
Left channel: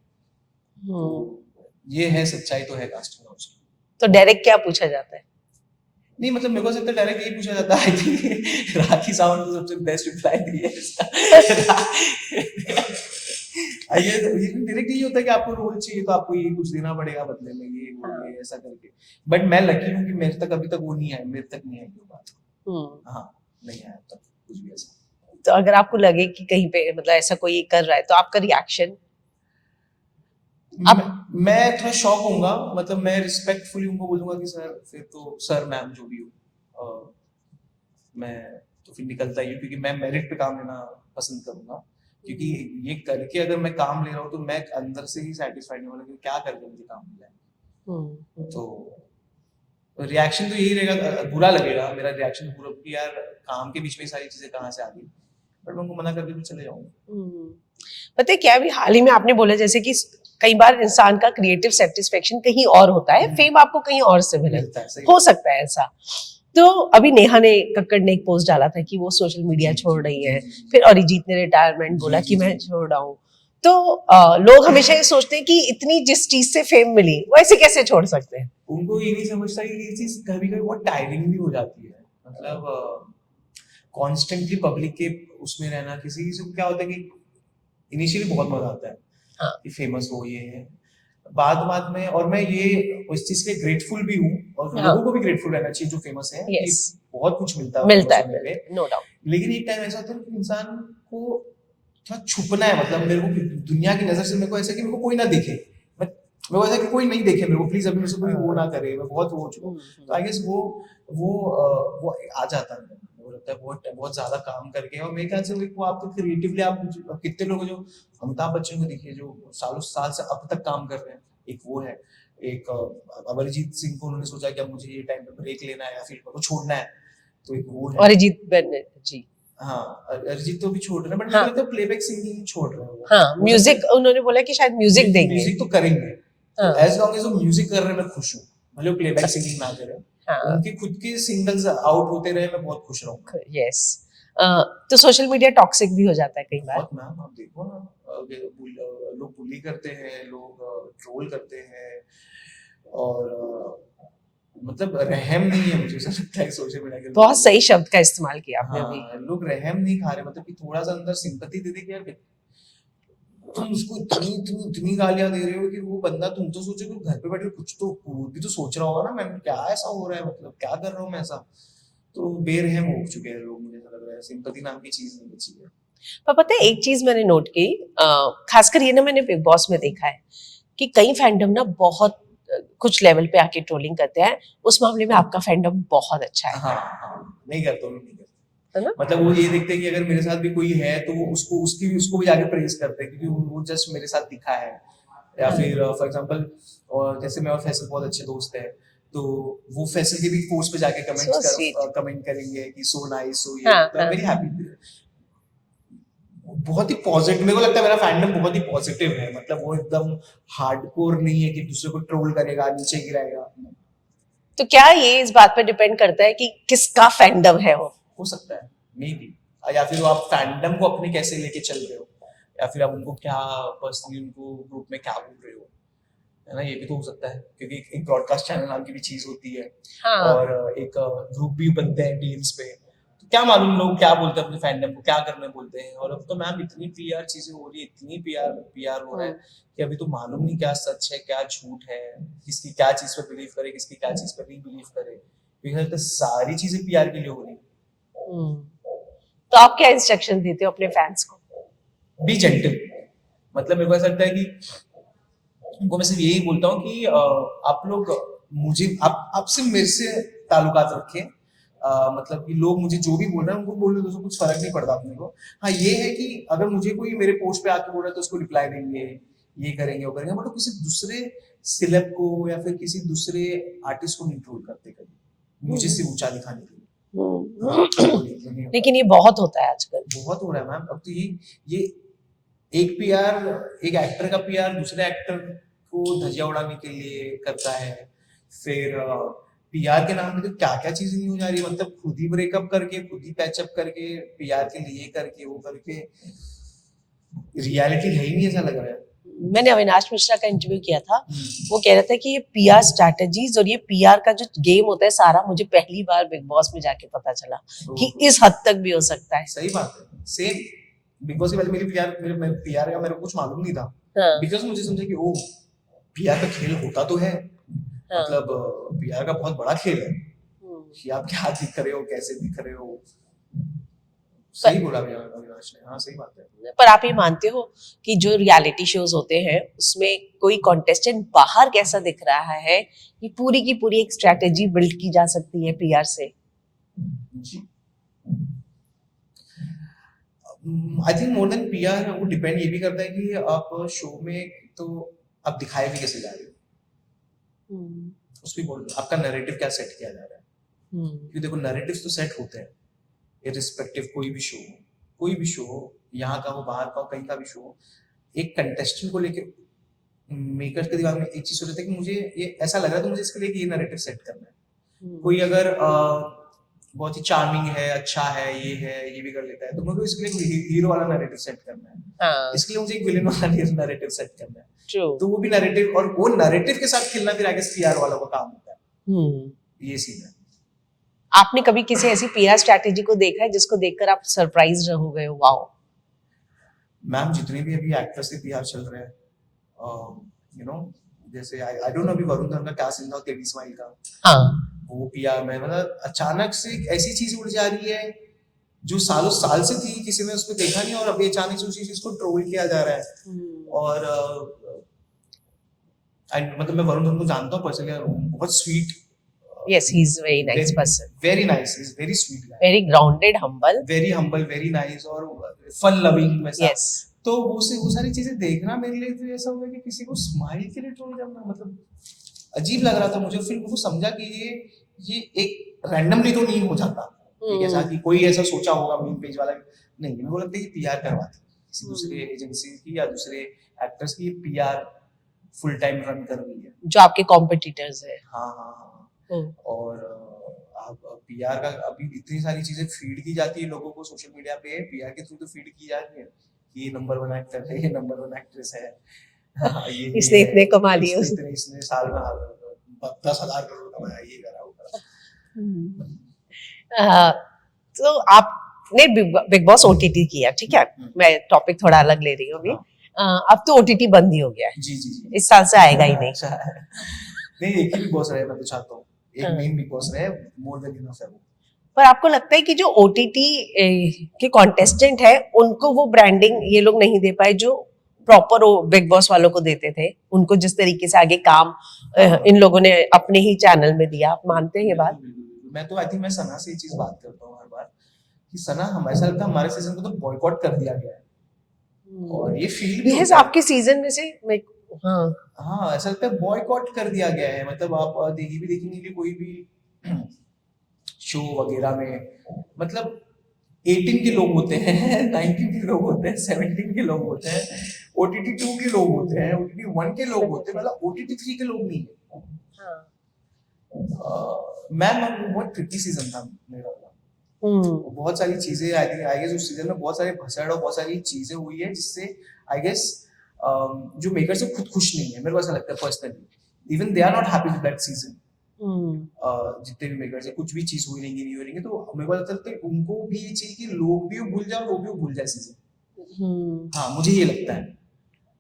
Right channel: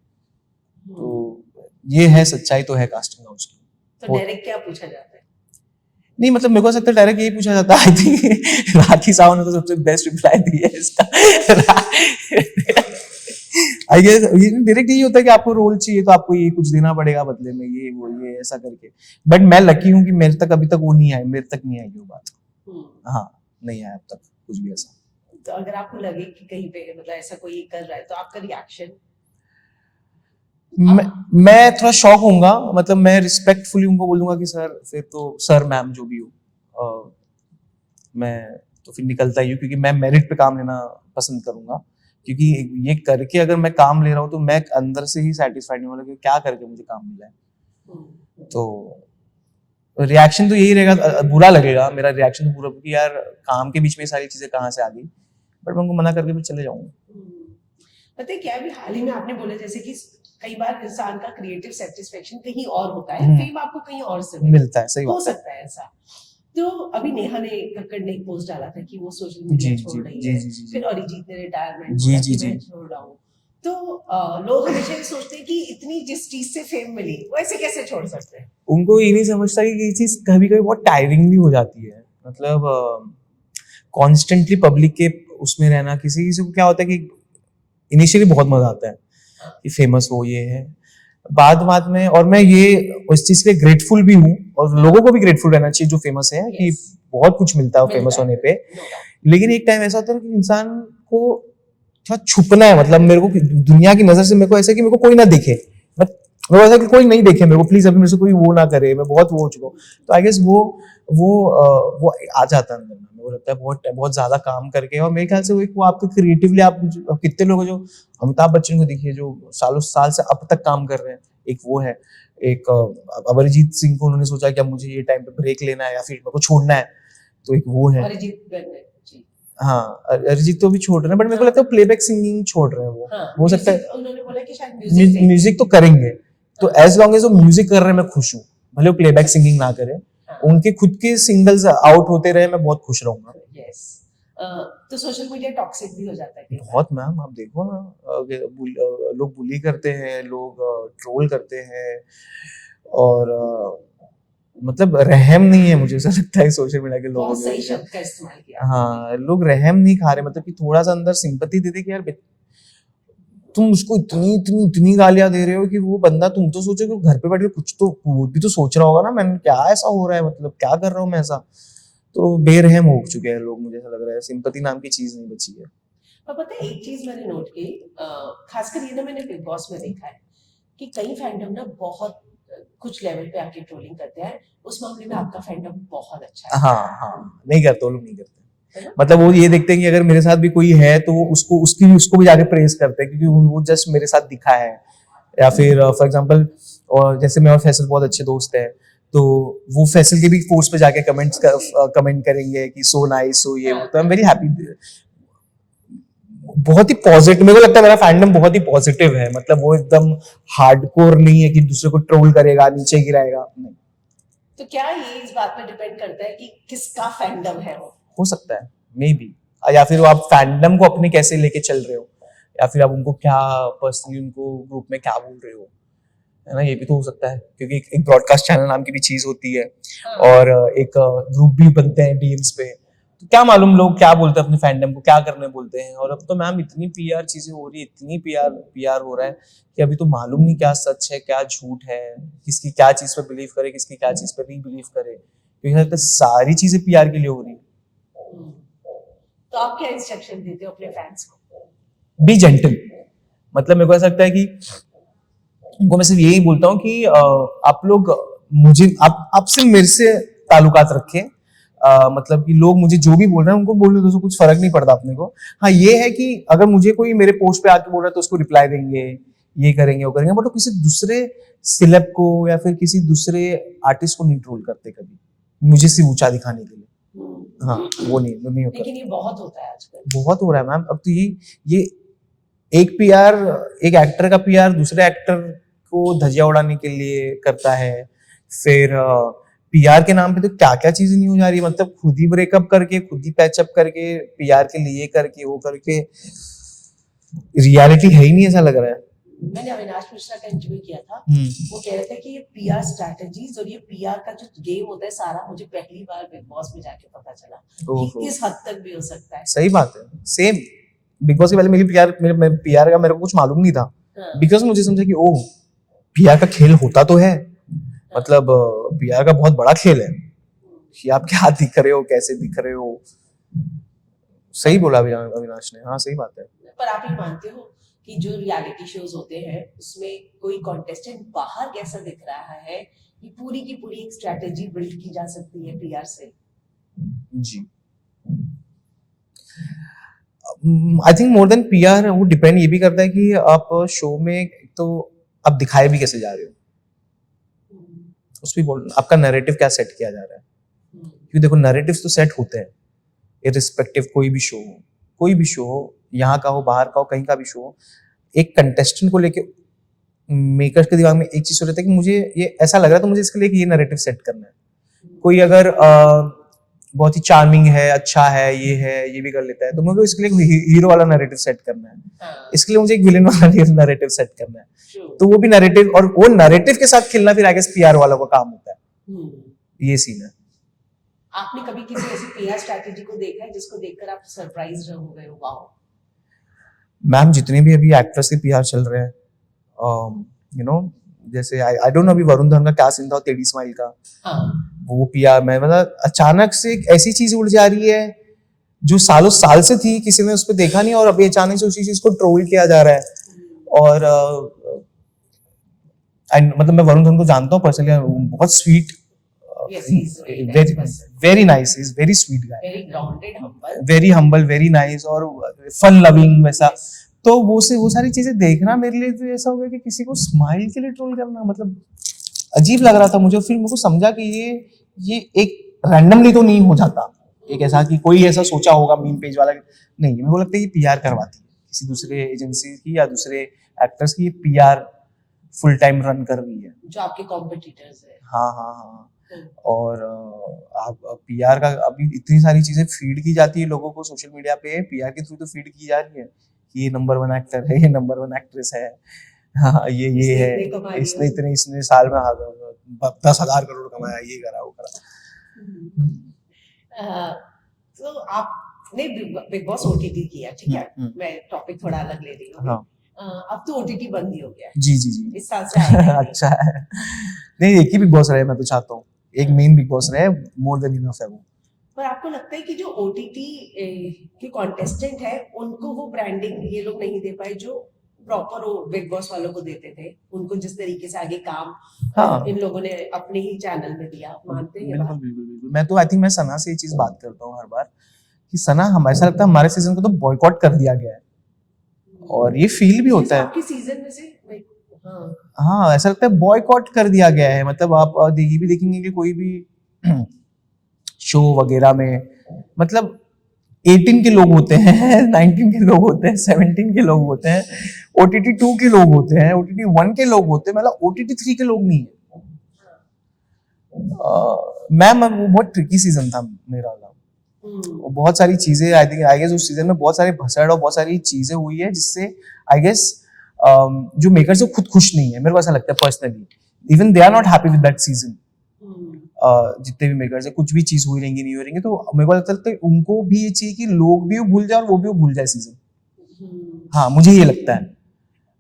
तो ये है सच्चाई तो है कास्टिंग काउच की। तो डायरेक्ट क्या पूछा जाता है? नहीं मतलब मेरे को लगता है डायरेक्ट यही पूछा जाता है। आई थिंक राखी सावंत ने तो सबसे बेस्ट रिप्लाई दिया है इसका। आई गेस ये डायरेक्ट यही होता है कि आपको रोल चाहिए तो आपको ये कुछ देना पड़ेगा बदले में, ये वो ये ऐसा करके। बट मैं लकी हूँ कि मेरे तक अभी तक वो नहीं आई, मेरे तक नहीं आई वो बात। हाँ, नहीं आया अब तक कुछ भी ऐसा। तो अगर आपको लगे कि कहीं पे मतलब ऐसा कोई कर रहा है तो आपका रिएक्शन? मैं थोड़ा शॉक होऊंगा, मतलब मैं रिस्पेक्टफुली उनको बोलूंगा कि सर, फिर तो सर मैम जो भी हो, मैं तो फिर निकलता ही हूँ, क्योंकि मैं मेरिट पे काम लेना पसंद करूंगा। क्योंकि ये करके अगर मैं काम ले रहा हूँ तो मैं अंदर से ही सेटिस्फाइड नहीं होगा कि क्या करके मुझे काम मिला है। तो रिएक्शन तो यही रहेगा, बुरा लगेगा मेरा रिएक्शन पूरा कि यार काम के बीच में सारी चीजें कहाँ से आ गई, बट मैं उनको मना करके भी चले जाऊंगा। पता है क्या, अभी हाल ही में आपने बोला जैसे कि कई बार इंसान का क्रिएटिव सेटिस्फेक्शन कहीं और होता है, फेम आपको कहीं और से मिलता है, सही हो सकता है ऐसा। तो अभी नेहा ने कक्कड़ ने एक पोस्ट डाला था कि वो सोशल मीडिया छोड़ रही है, फिर अरिजीत ने रिटायरमेंट बोला कि मैं छोड़ रहा हूँ। तो लोग हमेशा ये सोचते हैं कि इतनी जिस चीज से फेम मिली वो ऐसे कैसे छोड़ सकते हैं? उनको ये नहीं समझता कि ये चीज कभी कभी बहुत टायरिंग भी हो जाती है। मतलब कॉन्स्टेंटली पब्लिक के उसमें रहना, किसी को क्या होता है कि इनिशियली बहुत मजा आता है कि फेमस हो, ये है बाद में। और मैं ये उस चीज के लिए ग्रेटफुल भी हूँ, और लोगों को भी ग्रेटफुल रहना चाहिए जो फेमस है, कि बहुत कुछ मिलता है फेमस होने पे। लेकिन एक टाइम ऐसा होता है कि इंसान को थोड़ा छुपना है। मतलब मेरे को दुनिया की नजर से मेरे को ऐसा कि मेरे को कोई ना देखे, मेरे को ऐसा कि कोई नहीं देखे मेरे को, प्लीज अभी मेरे से कोई वो ना करे, मैं बहुत वो हो चुका हूँ। तो आई गेस वो आ जाता है, वो लगता है बहुत बहुत ज्यादा काम करके, और मेरे ख्याल से वो आपको क्रिएटिवली आप कितने लोग जो अमिताभ बच्चन को देखिए जो सालों साल से अब तक काम कर रहे हैं, एक वो है, एक अरिजीत सिंह को उन्होंने सोचा कि अब मुझे ये टाइम पे ब्रेक लेना है या फिर मेरे को छोड़ना है, तो एक वो है अरिजीत जी। हाँ, अरिजीत तो भी छोड़ रहे हैं, बट मेरे को लगता है प्लेबैक सिंगिंग छोड़ रहे हैं वो। हाँ, म्यूजिक उन्होंने बोला कि शायद म्यूजिक देंगे, म्यूजिक तो करेंगे, तो एज लॉन्ग एज वो म्यूजिक कर रहे हैं मैं खुश हूँ, भले वो प्लेबैक सिंगिंग ना करें, उनके खुद के सिंगल्स आउट होते रहे, मैं बहुत खुश रहूंगा। यस। तो सोशल मीडिया टॉक्सिक भी हो जाता है कई बार। बहुत मैम, आप देखो ना, लोग बुली करते हैं, लोग ट्रोल करते हैं, और मतलब रहम नहीं है, मुझे ऐसा लगता है सोशल मीडिया के लोग। बहुत सही शब्द का इस्तेमाल किया आपने। हाँ, लोग रहम नहीं खा रहे, मतलब कि थोड़ा सा अंदर सिंपैथी दे दे कि यार तुम उसको इतनी गालियां दे रहे हो कि वो बंदा, तुम तो सोचो कि घर पे बैठ के कुछ तो वो भी तो सोच रहा होगा ना, मैंने क्या ऐसा हो रहा है, मतलब क्या कर रहा हूँ मैं ऐसा। तो बेरहम हो चुके हैं लोग, मुझे ऐसा लग रहा है सिंपैथी नाम की चीज नहीं बची है। पर पता है एक चीज मैंने नोट की, खासकर ये ना मैंने बिग बॉस में देखा है कि कई फैंडम ना बहुत कुछ लेवल पे आके ट्रोलिंग करते हैं, उस मामले में आपका फैंडम बहुत अच्छा है। हाँ, नहीं करते, वो लोग नहीं करते, मतलब वो ये देखते हैं कि अगर मेरे साथ भी कोई है तो उसको भी जाके प्रेज करते हैं, क्योंकि वो जस्ट मेरे साथ दिखा है, या फिर फॉर एग्जांपल, और जैसे मैं और फैसल बहुत अच्छे दोस्त हैं, तो वो फैसल के भी पोस्ट पे जाके कमेंट करेंगे कि सो नाइस, सो ये, तो आई एम वेरी हैप्पी। बहुत ही पॉजिटिव, मेरे को लगता है मेरा फैंडम बहुत ही पॉजिटिव है, मतलब वो एकदम हार्डकोर नहीं है कि दूसरे को ट्रोल करेगा, नीचे गिराएगा। तो क्या ये इस बात पे डिपेंड करता है कि किसका फैंडम है वो? हो सकता है, मे बी, या फिर आप फैंडम को अपने कैसे लेके चल रहे हो, या फिर आप उनको क्या पर्सनली उनको ग्रुप में क्या बोल रहे हो, है ना, ये भी तो हो सकता है, क्योंकि एक ब्रॉडकास्ट चैनल नाम की भी चीज होती है। हाँ। और एक ग्रुप भी बनते हैं डीएम्स पे, तो क्या मालूम लोग क्या बोलते हैं अपने फैंडम को, क्या करने बोलते हैं। और अब तो मैम इतनी पीआर चीजें हो रही है, इतनी पीआर हो रहा है कि अभी तो मालूम नहीं क्या सच है क्या झूठ है, किसकी क्या चीज पे बिलीव करे, किसकी क्या चीज पे नहीं बिलीव करे, क्योंकि सारी चीजें पीआर के लिए हो रही है। तो आप क्या इंस्ट्रक्शन देते हो अपने फैंस को? बी जेंटल, मतलब मेरे को ऐसा लगता है कि उनको मैं सिर्फ यही बोलता हूँ कि आप लोग मुझे आपसे मेरे से ताल्लुकात रखें, मतलब कि लोग मुझे जो भी बोल रहे हैं उनको बोलने दो, कुछ फर्क नहीं पड़ता अपने को। हाँ, ये है कि अगर मुझे कोई मेरे पोस्ट पे आके बोल रहा है तो उसको रिप्लाई देंगे, ये करेंगे वो करेंगे, बट किसी दूसरे सिलेब को या फिर किसी दूसरे आर्टिस्ट को नहीं ट्रोल करते कभी, मुझे सिर्फ ऊंचा दिखाने के लिए। हाँ, वो नहीं होता। लेकिन ये बहुत होता है आजकल, बहुत हो रहा है मैम। अब तो ये एक पीआर, एक एक्टर का पीआर दूसरे एक्टर को धजिया उड़ाने के लिए करता है, फिर पीआर के नाम पे तो क्या क्या चीजें नहीं हो जा रही है, मतलब खुद ही ब्रेकअप करके, खुद ही पैचअप करके, पीआर के लिए करके, वो करके, रियलिटी है ही नहीं, ऐसा लग रहा है। मैंने अविनाश मिश्रा का इंटरव्यू किया था, वो कह रहा था कि ये पीआर स्ट्रैटेजीज और ये पीआर का जो गेम होता है सारा, मुझे पहली बार बिग बॉस में जाके पता चला कि इस हद तक भी हो सकता है। सही बात है, सेम बिग बॉस के पहले मेरी पीआर का मेरे को कुछ मालूम नहीं था, बिकॉज मुझे समझा कि ओ पीआर का खेल होता तो है, मतलब पीआर का बहुत बड़ा खेल है कि आप क्या दिख रहे हो, कैसे दिख रहे हो। सही बोला अविनाश ने, हाँ सही बात है। पर आप ये मानते हो कि जो रियलिटी शोज होते हैं उसमें कोई कॉन्टेस्टेंट बाहर कैसा दिख रहा है, ये पूरी की पूरी एक स्ट्रेटेजी बिल्ड की जा सकती है पीआर से? जी, I think more than PR वो डिपेंड ये भी करता है कि आप शो में तो आप दिखाए भी कैसे जा रहे हो, उस भी बोल आपका नैरेटिव क्या सेट किया जा रहा है। क्योंकि देखो नैरेटिव्स तो सेट होते हैं इररिस्पेक्टिव, कोई भी शो हो, यहाँ का हो, बाहर का हो, कहीं का भी शो हो, एक कंटेस्टेंट को लेके मेकर्स के दिमाग में एक चीज हो रहता है कि मुझे ये ऐसा लग रहा है तो मुझे इसके लिए ये नैरेटिव सेट करना है। कोई अगर बहुत ही चार्मिंग है, अच्छा है, ये भी कर लेता है, तो मुझे इसके लिए हीरो वाला नैरेटिव सेट करना है, इसके लिए मुझे एक विलेन वाला नैरेटिव सेट करना है। तो वो भी नैरेटिव, और वो नैरेटिव के साथ खेलना फिर आगे पीआर वाला का काम होता है। ये सीन है। आपने कभी किसी ऐसी पीआर स्ट्रैटेजी को देखा है जिसको देखकर आप सरप्राइज हो गए हो? वाओ मैम, जितने भी अभी एक्टर्स के पीआर चल रहे हैं, यू नो, जैसे आई डोंट नो अभी वरुण धवन का क्या सीन था टेडी स्माइल का, वो पीआर में मतलब अचानक से एक ऐसी चीज उड़ जा रही है जो सालों साल से थी, किसी ने उस पर देखा नहीं, और अभी अचानक से उसी चीज को ट्रोल किया जा रहा है। और मतलब मैं वरुण धवन को जानता हूँ पर्सनली, बहुत sweet Yes, he's very nice person. Very nice, he's very sweet guy. Very grounded, humble. Very humble, very nice और fun loving वैसा. Yes. तो वो सारी चीजें देखना मेरे लिए तो ऐसा हो गया कि किसी को स्माइल के लिए ट्रोल करना मतलब अजीब लग रहा था मुझे. फिर मुझे समझा कि ये एक रैंडमली तो नहीं हो जाता. एक ऐसा कि कोई ऐसा सोचा होगा मीम पेज वाला नहीं. मेरे को लगता है कि पीआर करवाती किसी दूसरे एजेंसी की या दूसरे एक्टर्स की पीआर फुल टाइम रन कर रही है जो आपके कॉम्पिटिटर्स है. हाँ. और आप पीआर का अभी इतनी सारी चीजें फीड की जाती है लोगों को सोशल मीडिया पे. पीआर के थ्रू तो फीड की जा रही है कि ये नंबर 1 एक्टर है, ये नंबर 1 एक्ट्रेस है. हाँ, ये इसने है, इतने कमा लिए, इसने साल में 10,000 करोड़ कमाया, ये करा वो करा. तो आपने बिग बॉस ओटीटी किया, ठीक है. मैं टॉपिक थोड़ा अलग ले रही हूँ अभी. अब तो ओटीटी बंद ही हो गया है. जी. इस साल से आएगा ही नहीं. अच्छा है. नहीं, एक ही बिग बॉस रहे. मैं तो चाहता हूँ एक मेन बिग बॉस रहे. मोर देन इनफ है वो. पर आपको लगता है कि जो ओटीटी के कॉन्टेस्टेंट है उनको वो ब्रांडिंग ये लोग नहीं दे पाए जो प्रॉपर बिग बॉस वालों को देते थे? उनको जिस तरीके से आगे काम इन लोगों ने अपने ही चैनल में दिया. आप मानते हैं ये बात? बिल्कुल. मैं तो आई थिंक मैं सना से ये चीज बात करता हूँ हर बार कि सना ऐसा लगता है हमारे सीजन को तो बॉयकॉट कर दिया गया है. और ये फील भी होता है आपके सीजन में से. हाँ, ऐसा लगता है बॉयकॉट कर दिया गया है. मतलब आप देखेंगे कि कोई भी शो वगैरह में मतलब 18 के लोग होते हैं, 19 के लोग होते हैं, 17 के लोग होते हैं, OTT 2 के लोग होते हैं, OTT 1 के लोग होते हैं, मतलब OTT 3 के लोग नहीं है. मैम बहुत ट्रिकी सीजन था मेरा. बहुत सारी चीजें आई गेस उस सीजन में बहुत सारे भसड़ और बहुत सारी चीजें हुई है जिससे आई गेस जो मेकर्स है खुद खुश नहीं है. मेरे को ऐसा लगता है personally. Even they are not happy with that season. जितने भी मेकर्स है कुछ भी चीज हुई रहेंगी नहीं हो रहेंगी तो मेरे को लगता है उनको भी ये चाहिए कि लोग भी भूल जाए और वो भी भूल जाए सीजन. हाँ, मुझे ये लगता है.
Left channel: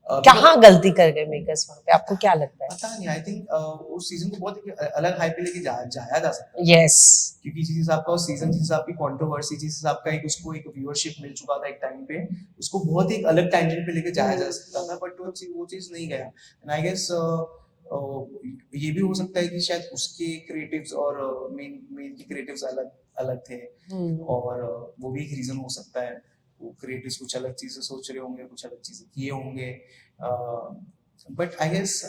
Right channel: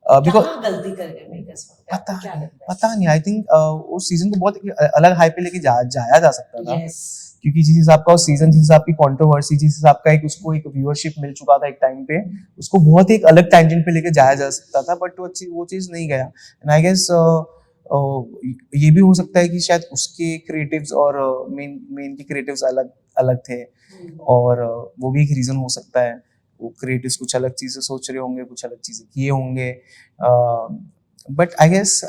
कहाँ गलती कर गए मेकर्स वहाँ पे? आपको क्या लगता है? पता नहीं. आई थिंक उस सीजन को बहुत अलग हाई पे लेके जाया जा सकता है. यस. क्योंकि जिस हिसाब का उस सीजन, जिस हिसाब की कंट्रोवर्सी, जिस हिसाब का उसको एक व्यूअरशिप मिल चुका था एक टाइम पे, उसको बहुत एक अलग टैंजेंट पे लेके जाया जा सकता था. बट वो चीज नहीं गया. एंड आई गेस ये भी हो सकता है कि शायद उसके क्रिएटिव्स और मेन के क्रिएटिव्स अलग थे. और वो भी एक रीजन हो सकता है. वो क्रिएटिव्स कुछ अलग चीजें सोच रहे होंगे, कुछ अलग चीजें किए होंगे. बट आई गेस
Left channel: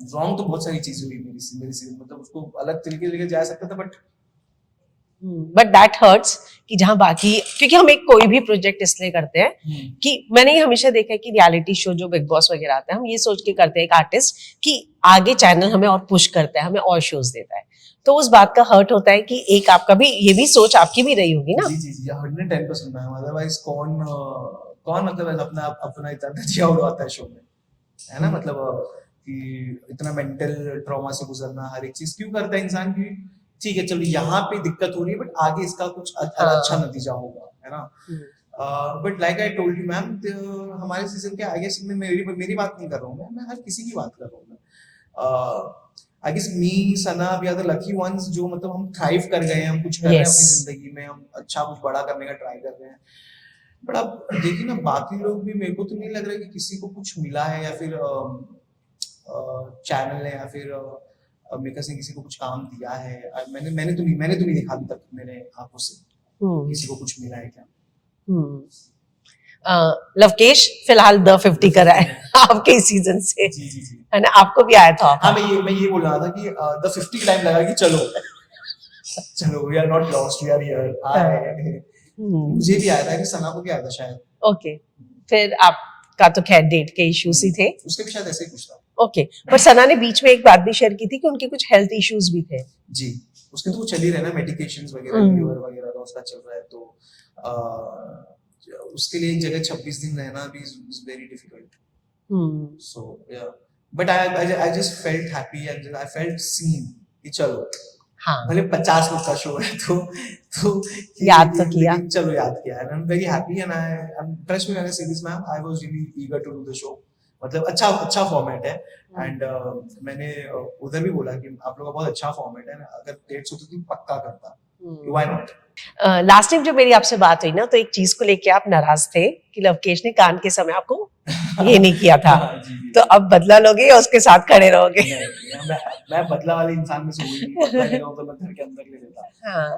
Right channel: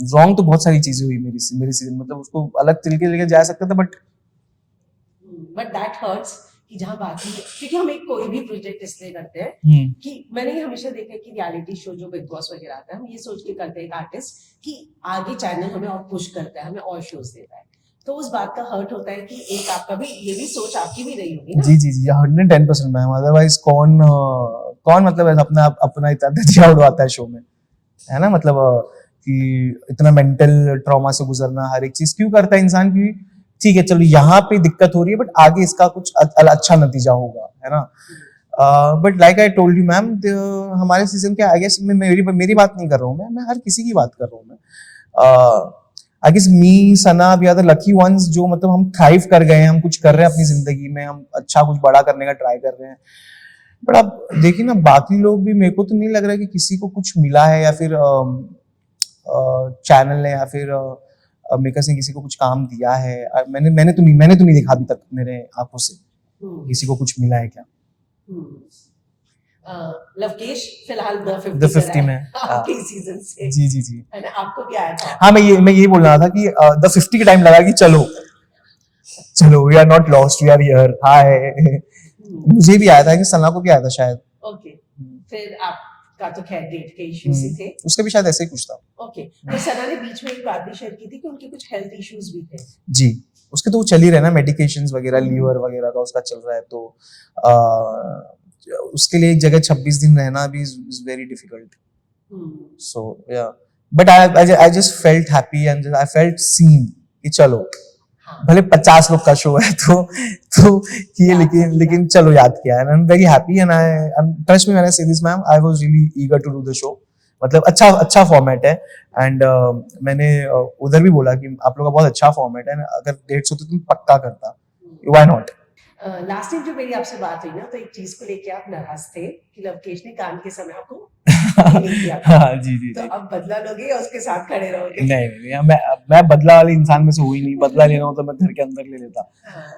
रॉन्ग तो बहुत सारी चीजें हुई मेरी सीजन. मतलब उसको अलग तरीके लेके जा सकता था. बट दैट हर्ट्स कि जहां बाकी, क्योंकि हम एक कोई भी प्रोजेक्ट इसलिए करते हैं कि मैंने ये हमेशा देखा है कि रियलिटी शो जो बिग बॉस वगैरह आता है हम ये सोच के करते हैं एक आर्टिस्ट कि आगे चैनल हमें और पुश करता है, हमें और शोज देता है. तो उस बात का हर्ट होता है कि एक आपका भी ये भी सोच आपकी भी रही होगी ना. जी 110% मैम. अदरवाइज कौन मतलब अपना इतना धजिया उड़वाता है शो में, है ना. मतलब कि इतना मेंटल ट्रॉमा से गुजरना हर एक चीज क्यों करता है इंसान की. ठीक है, चलो यहाँ पे दिक्कत हो रही है बट आगे इसका कुछ अच्छा नतीजा होगा, है ना. But like I told you ma'am, हमारे सीजन के आई गेस मेरी बात नहीं कर रहा हूँ मैं हर किसी की बात कर रहा हूँ मैं. I guess me, Sana, we are the lucky ones जो मतलब हम थ्राइव कर गए हैं. हम कुछ कर रहे हैं अपनी जिंदगी में, हम अच्छा कुछ बड़ा करने का ट्राई कर रहे हैं. बट अब देखिए ना, बाकी लोग भी, मेरे को तो नहीं लग रहा कि किसी को कुछ मिला है या फिर चैनल ने या फिर मेकर्स ने किसी को कुछ काम दिया है. मैंने तो नहीं देखा अभी तक मेरे आंखों से किसी को कुछ मिला है क्या. लवकेश फिलहाल द 50 कर रहा है आपके सीजन से. जी है ना, आपको भी आया था. हाँ, मैं ये बोल रहा था कि द 50 के टाइम लगा कि चलो we are not lost, we are here. Hi. मुझे भी आया था कि सना को भी आया था शायद. ओके. फिर आपका तो खैर डेट के इश्यूज ही थे. उसके भी शायद ऐसे ही कुछ था. ओके. पर सना ने बीच में एक बात भी शेयर की थी कि उनके कुछ हेल्थ इश्यूज भी थे. जी, उसके तो वो चल ही रहे ना, मेडिकेशंस वगैरह, लीवर वगैरह का उसका चल रहा है. तो उसके लिए एक जगह 26 दिन रहना भी is very difficult. So yeah, but I just felt happy and I felt seen कि चलो, हाँ, भले 50 लोग का शो है तो लेकिन चलो याद किया. And I am very happy and I am trust me when I say this ma'am, I was really eager to do the show. मतलब अच्छा फॉर्मेट है. एंड मैंने उधर भी बोला कि आप लोगों का बहुत अच्छा फॉर्मेट है, अगर डेट्स होती तो पक्का करता. Why not. लास्ट टाइम जब मेरी आपसे बात हुई ना तो एक चीज को लेके आप नाराज थे कि लवकेश ने कान के समय आपको ये नहीं किया था, हाँ, जी जी तो अब बदला लोगे या उसके साथ खड़े रहोगे? नहीं, मैं बदला वाले इंसान में से हुई नहीं, बदला लेना हो तो मैं घर के अंदर ले लेता। हाँ,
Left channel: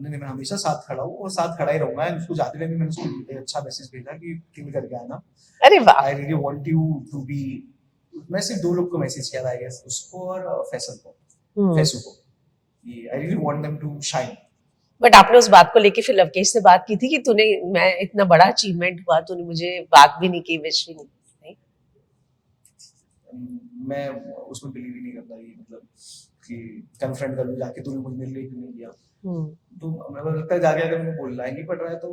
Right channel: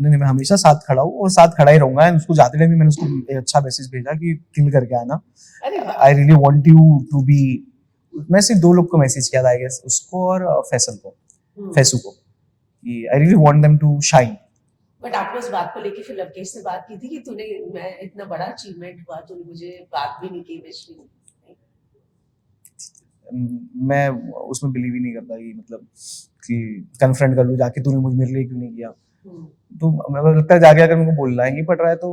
नहीं, मैं हमेशा साथ खड़ा हूँ और साथ खड़ा ही रहूंगा। उसको जाते टाइम भी मैंने उसको एक अच्छा मैसेज भेजा कि किल करके आना, अरे वाह, I really want you to be. मैं सिर्फ 2 लोग को मैसेज किया था आई गेस, उसको और फैसल को, फैसू को, कि I really want them to shine. But आपने उस बात को लेके फिर लवकेश से बात की थी कि तूने, मैं इतना बड़ा अचीवमेंट हुआ, तूने मुझे बात भी नहीं की, विश भी नहीं? मैं उसमें बिलीव ही नहीं करता कि मतलब कि कन्फ्रंट कर लूं जाके, तूने मुझे मेरे लिए क्यों नहीं किया। तो मुझे लगता है जाके अगर मेरे को बोलना ही नहीं पड़ रहा है तो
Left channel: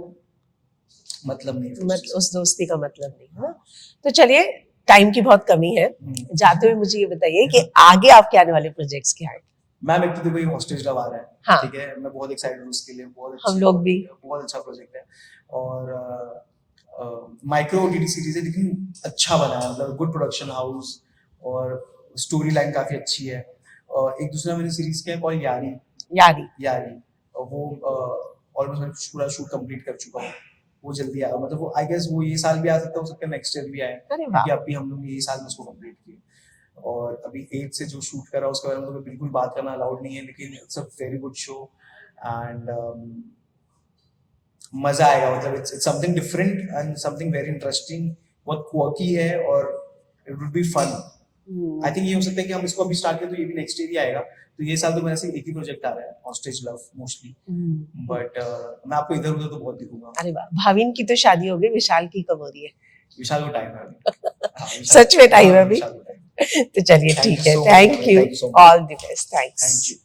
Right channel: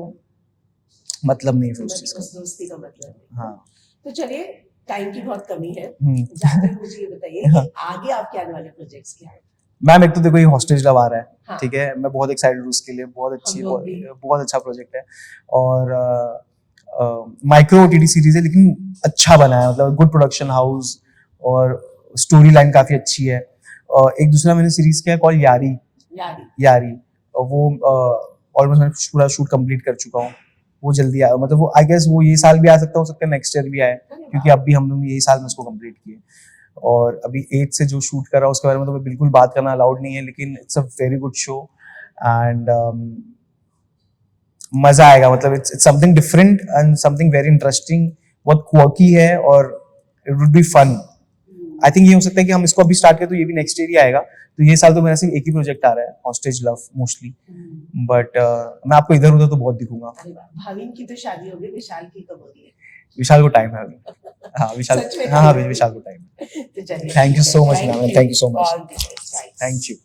मतलब नहीं फिर उस दोस्ती का मतलब नहीं। हाँ। तो चलिए, टाइम की बहुत कमी है, जाते हुए मुझे ये बताइए कि आगे आपके आने वाले प्रोजेक्ट्स क्या हैं? मैम एक तो देखो ये हॉस्टेज लव आ रहा है, हाँ। ठीक है, मैं बहुत एक्साइटेड हूँ उसके लिए, बहुत अच्छी, हम लोग भी। बहुत अच्छा प्रोजेक्ट है और माइक्रो ओटीटी सीरीज है लेकिन अच्छा बना है, मतलब गुड प्रोडक्शन हाउस और स्टोरी लाइन काफी अच्छी है। एक दूसरा मैंने सीरीज किया कॉल यारी, यारी वो ऑलमोस्ट मैं पूरा शूट कंप्लीट कर चुका हूँ, वो जल्दी आया, मतलब वो आई गेस वो ये साल भी आ सकता, हो सकता है नेक्स्ट ईयर भी आए, क्योंकि अभी हम लोग यही साल में उसको कंप्लीट किए। और अभी 8 से जो शूट कर रहा हूँ उसके बारे में तो मैं बिल्कुल बात करना अलाउड नहीं है, लेकिन it's a very good show and मजा आएगा, मतलब it's something different and something very interesting, बहुत क्वर्की है और it would be fun. I think ये हो सकता है कि हम इसको अभी स्टार्ट करें तो ये भी नेक्स्ट ईयर ही आएगा, तो ये साल तो मेरा सिर्फ एक ही प्रोजेक्ट आ रहा है, हॉस्टेज लव मोस्टली, बट मैं आपको इधर उधर तो बहुत दिखूंगा। अरे वाह, भाविन की तो शादी हो गई, विशाल की कब हो रही है? विशाल को टाइम है अभी। हाँ, सच में टाइम है अभी? विशाल को टाइम। तो चलिए, थैंक ठीक यू है, so much, thank you, all the best, thanks. Thank you.